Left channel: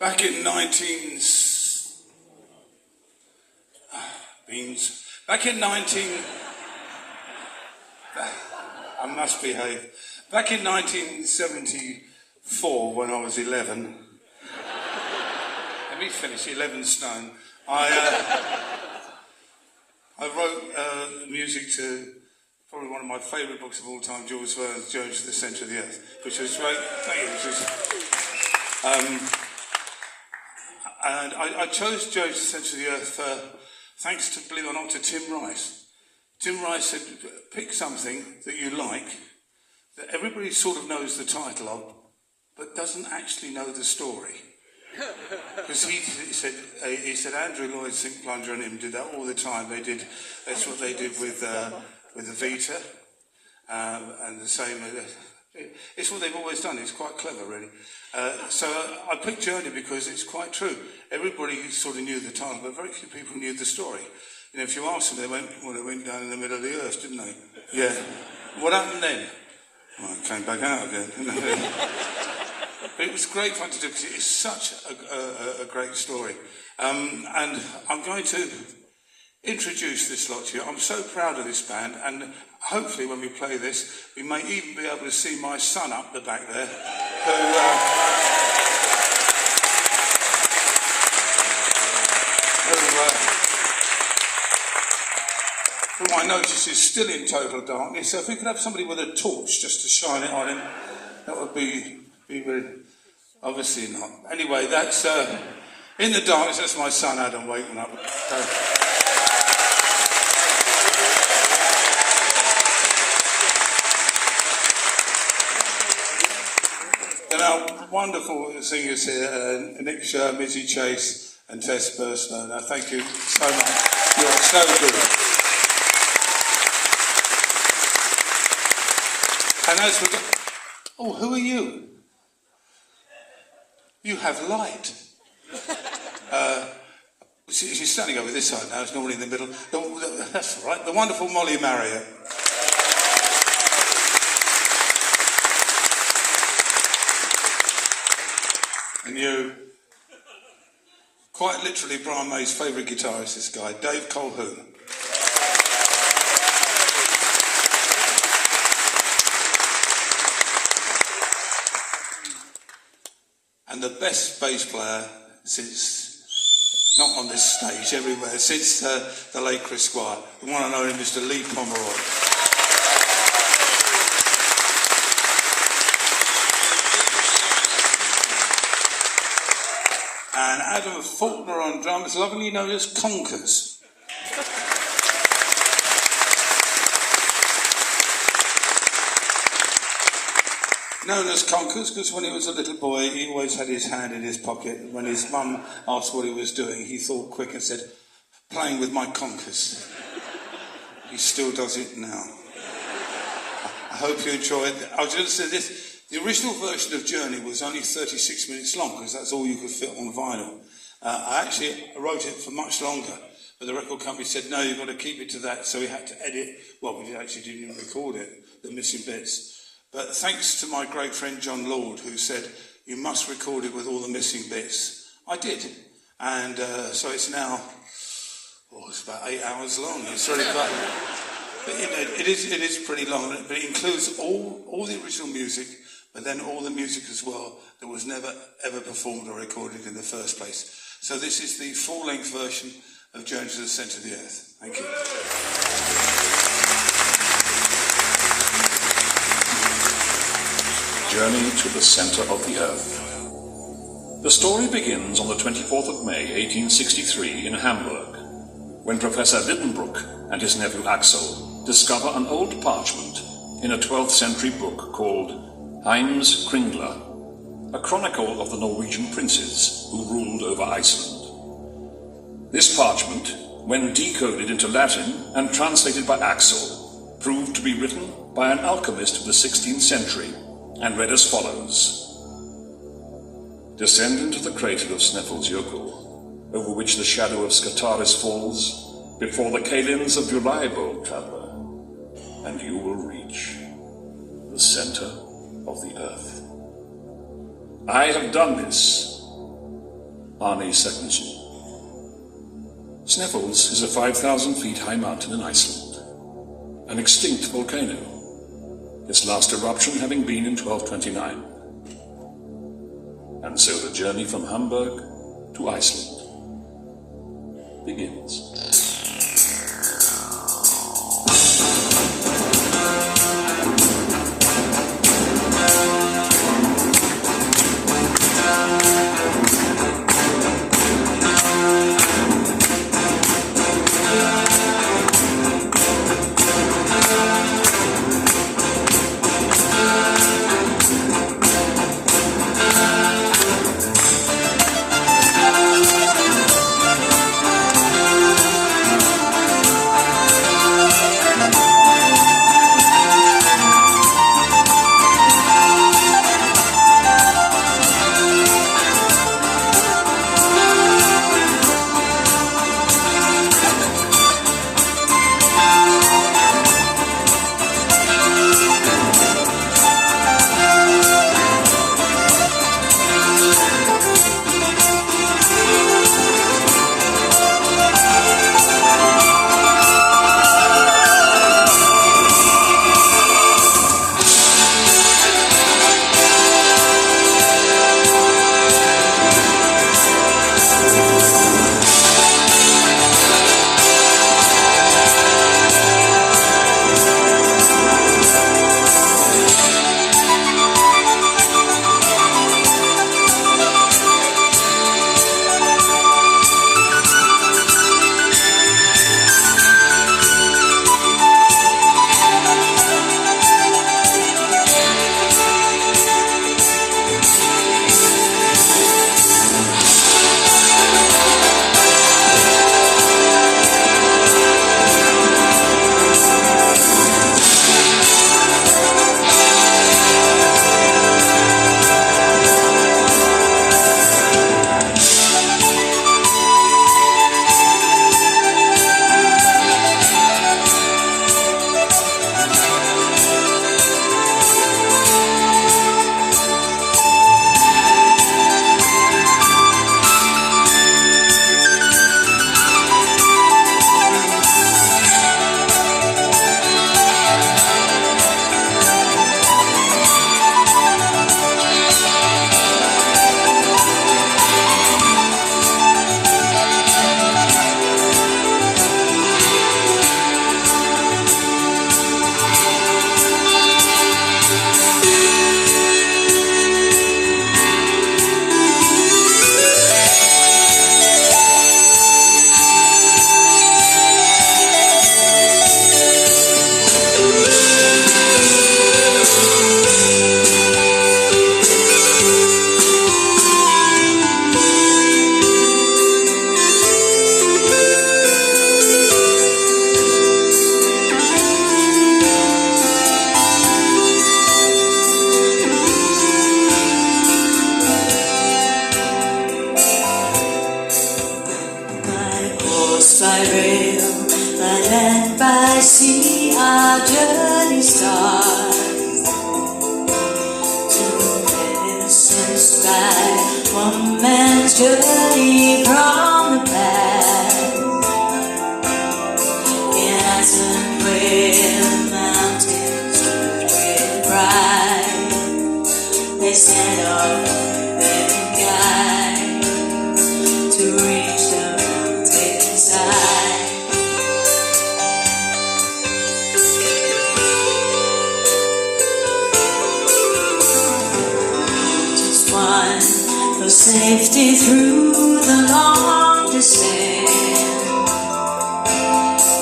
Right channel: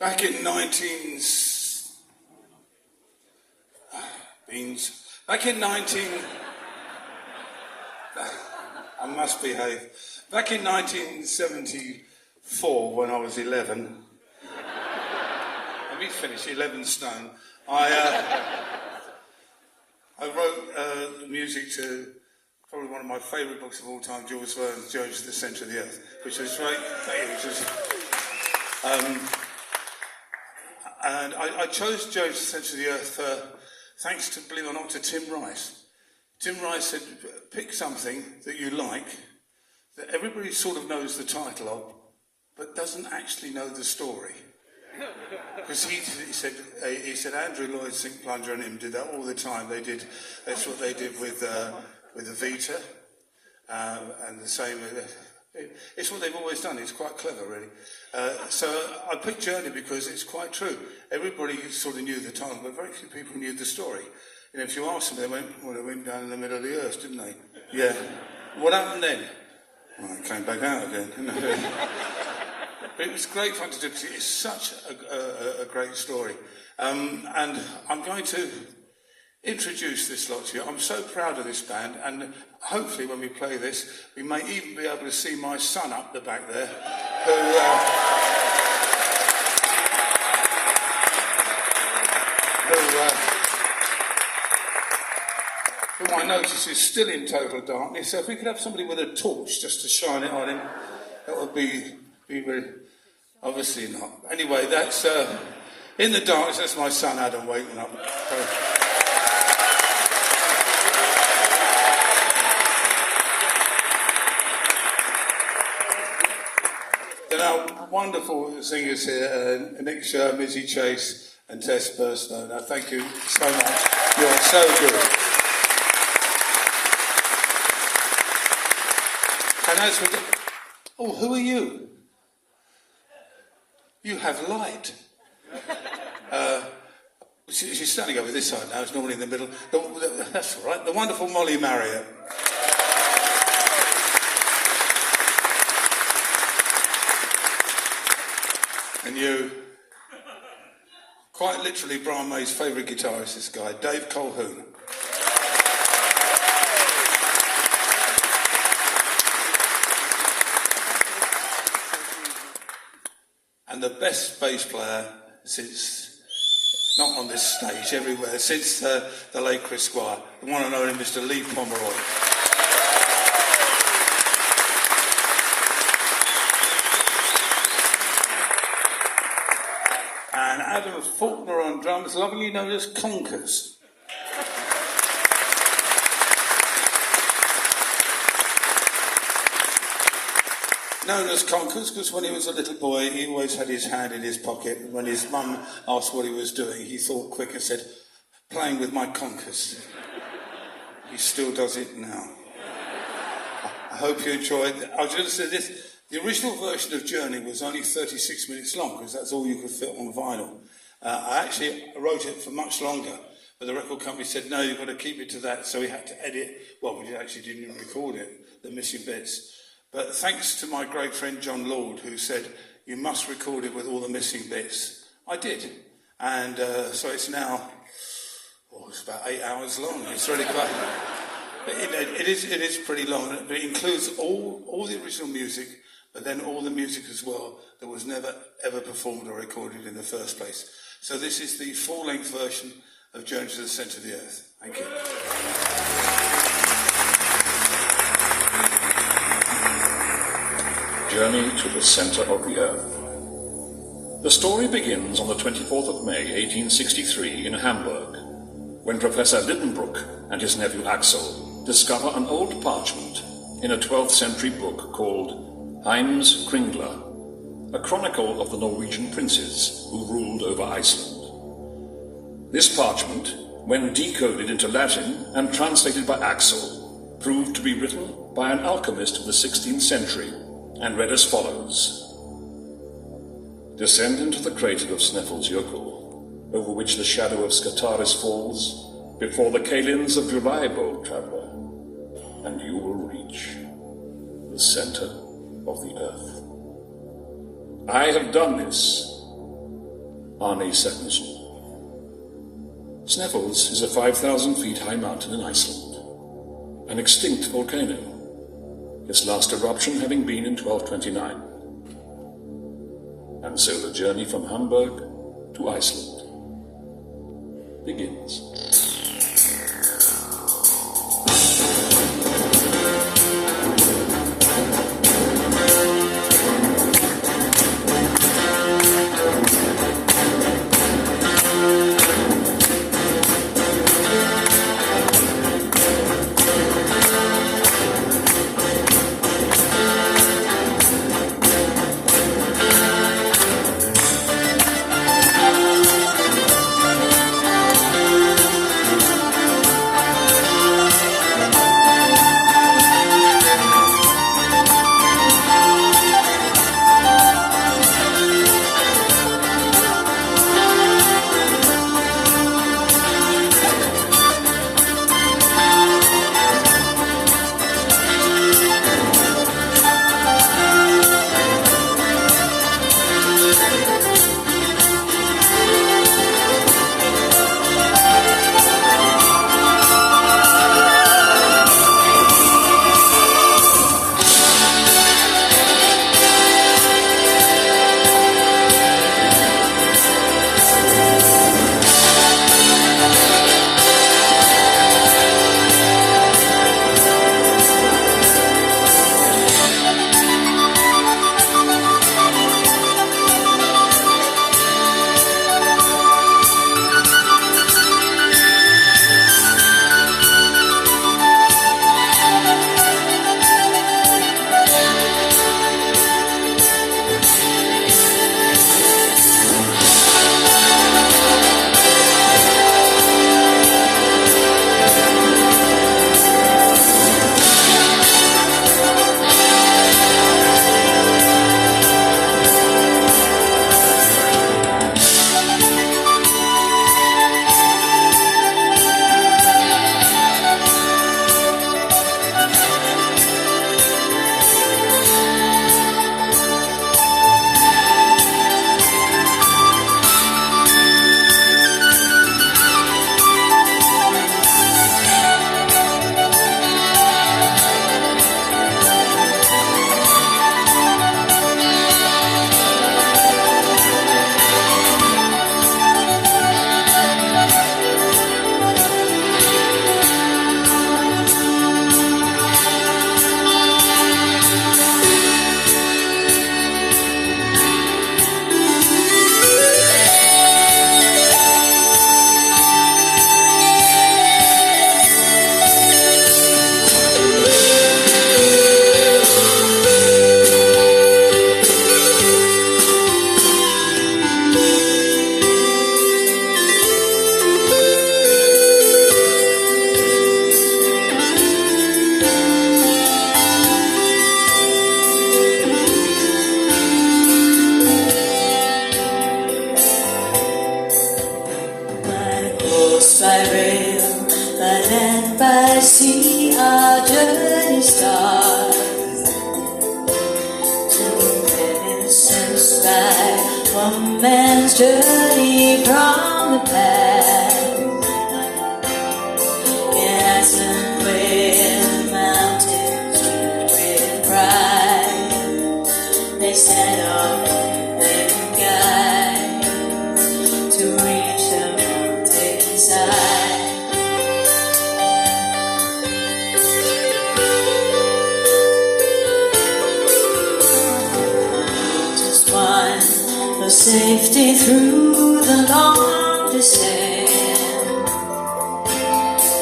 Back in 19... Beans. Back in 19... I must behave. Back in 1974, when I was 11... Let me finish, 11 stone. I wrote the music to probably one of my favourite books of all time, Jules Verne's Jones to the Centre of the Earth, which was great. And I chose Jones to the Centre of the Earth thanks to, believe it or not, to Tim Rice. Tim Rice said, pick something that you like, that everybody sort of knows the title of, but doesn't actually know the story. Because he said Andrew Lloyd St. Plunger and him did that all the time. That's what they did with the Vita, and the same. It's what they've always done. It's quite clever, really. So I picked Journey because it's quite true. Everybody sort of knew the title, but very few people knew the story. You know, if you asked them, they went down in the middle of the earth, didn't they? Yeah. What happened then? Well, it came back out again. But it was great fun to do because it is such a great story. And I'm going to introduce this lot to you. I'm so proud of this band, and hopefully when we play this, we may even be able to see my son up the back there, who I notice is still in total darkness. So if we could have somebody with a torch just to shine it on him, that would be really... Obviously not. Anyway, that's in the darkness. That's my son Adam Wakeman up. There are wonderful singers here, Nick Sher, Mizzy Chase, and Tess Burstner. Now, thank you so much. You're so good. And as we go, oh, who are you? You have light. She's standing over this side now. It's normally in the middle. That's all right. The wonderful Molly Marriott. And you, quite literally, Brian May's favourite guitarist, this guy, Dave Colhoun. And the best bass player since, not on this stage, everywhere, since the late Chris Squire, the one and only Mr. Lee Pomeroy. And Adam Faulkner on drums, lovingly known as Conkers. Known as Conkers because when he was a little boy he always had his hand in his pocket. When his mum asked what he was doing, he thought quick and said, playing with my conkers. He still does it now. I hope you enjoyed it. I was going to say this, the original version of Journey was only 36 minutes long because that's all you could fit on vinyl. I actually wrote it for much longer, but the record company said, no, you've got to keep it to that, so we had to edit, well, we actually didn't record it, the missing bits. But thanks to my great friend John Lord, who said, you must record it with all the missing bits. I did. And so it's now, it's about 8 hours long. It's really quite... But it is pretty long, but it includes all the original music, but then all the music as well that was never, ever performed or recorded in the first place. So this is the full-length version of Journey to the Centre of the Earth. Thank you. Journey to the Centre of the Earth. The story begins on the 24th of May, 1863, in Hamburg, when Professor Lidenbrock and his nephew Axel discover an old parchment in a 12th century book called Heims Kringla, a chronicle of the Norwegian princes who ruled over Iceland. This parchment, when decoded into Latin and translated by Axel, proved to be written by an alchemist of the 16th century, and read as follows. Descend into the crater of Snæfellsjökull, over which the shadow of Scartaris falls, before the Kalins of Juleibo, traveller, and you will reach the centre of the earth. I have done this Arne Secondsen. Sneffels is a 5,000 feet high mountain in Iceland, an extinct volcano, its last eruption having been in 1229. And so the journey from Hamburg to Iceland begins. See our journey start to an innocent sky, one man's journey from the past. In Iceland where the mountains drift with pride, they set up their guide to reach the mountainside. Safety through the long descent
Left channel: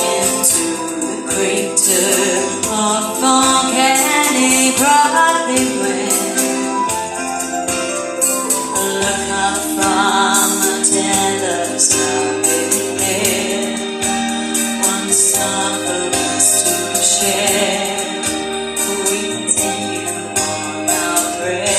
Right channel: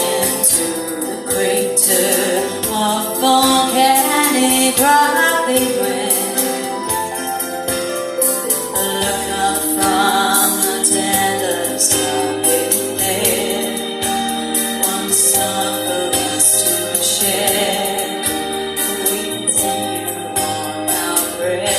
into the crater of volcanic rock they went. Look up from the tender starlit there, one song for us to share. We continue on our prayer.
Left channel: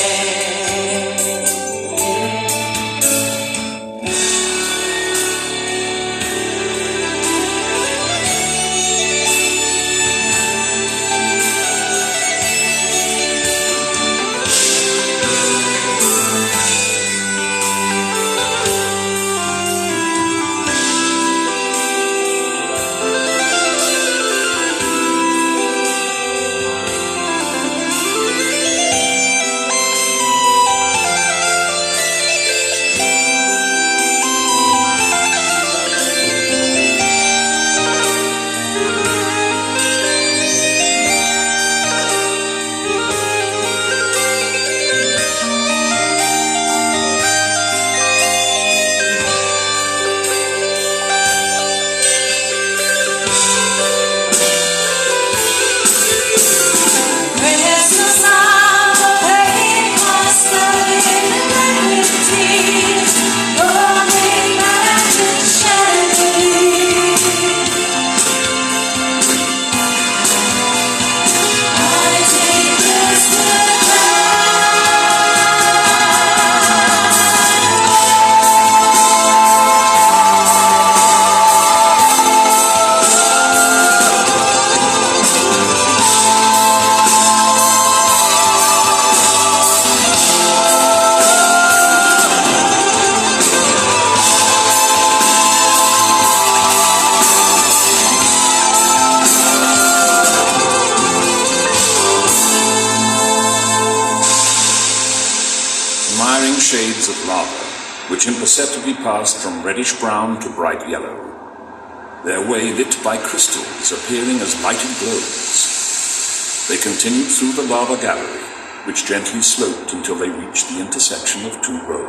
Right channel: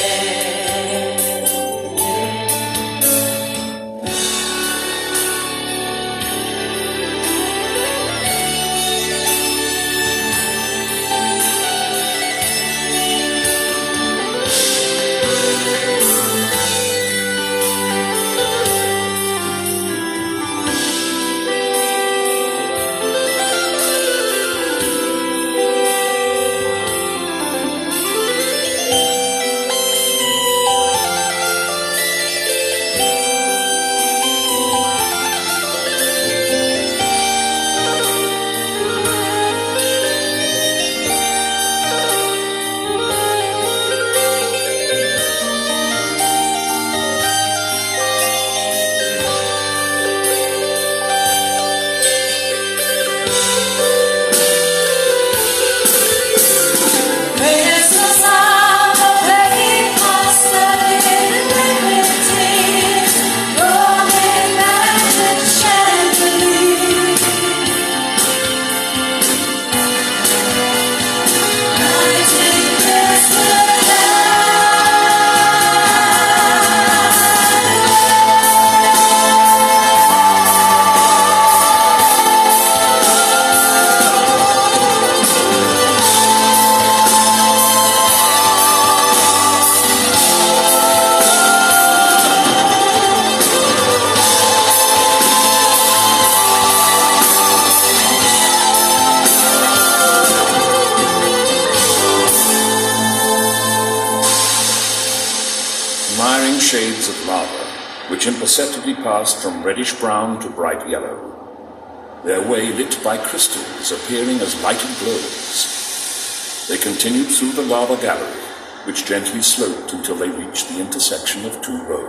flaring shades of lava, which imperceptibly passed from reddish-brown to bright yellow, their way lit by crystals appearing as lighted globes. They continued through the lava gallery, which gently sloped until they reached the intersection of two roads.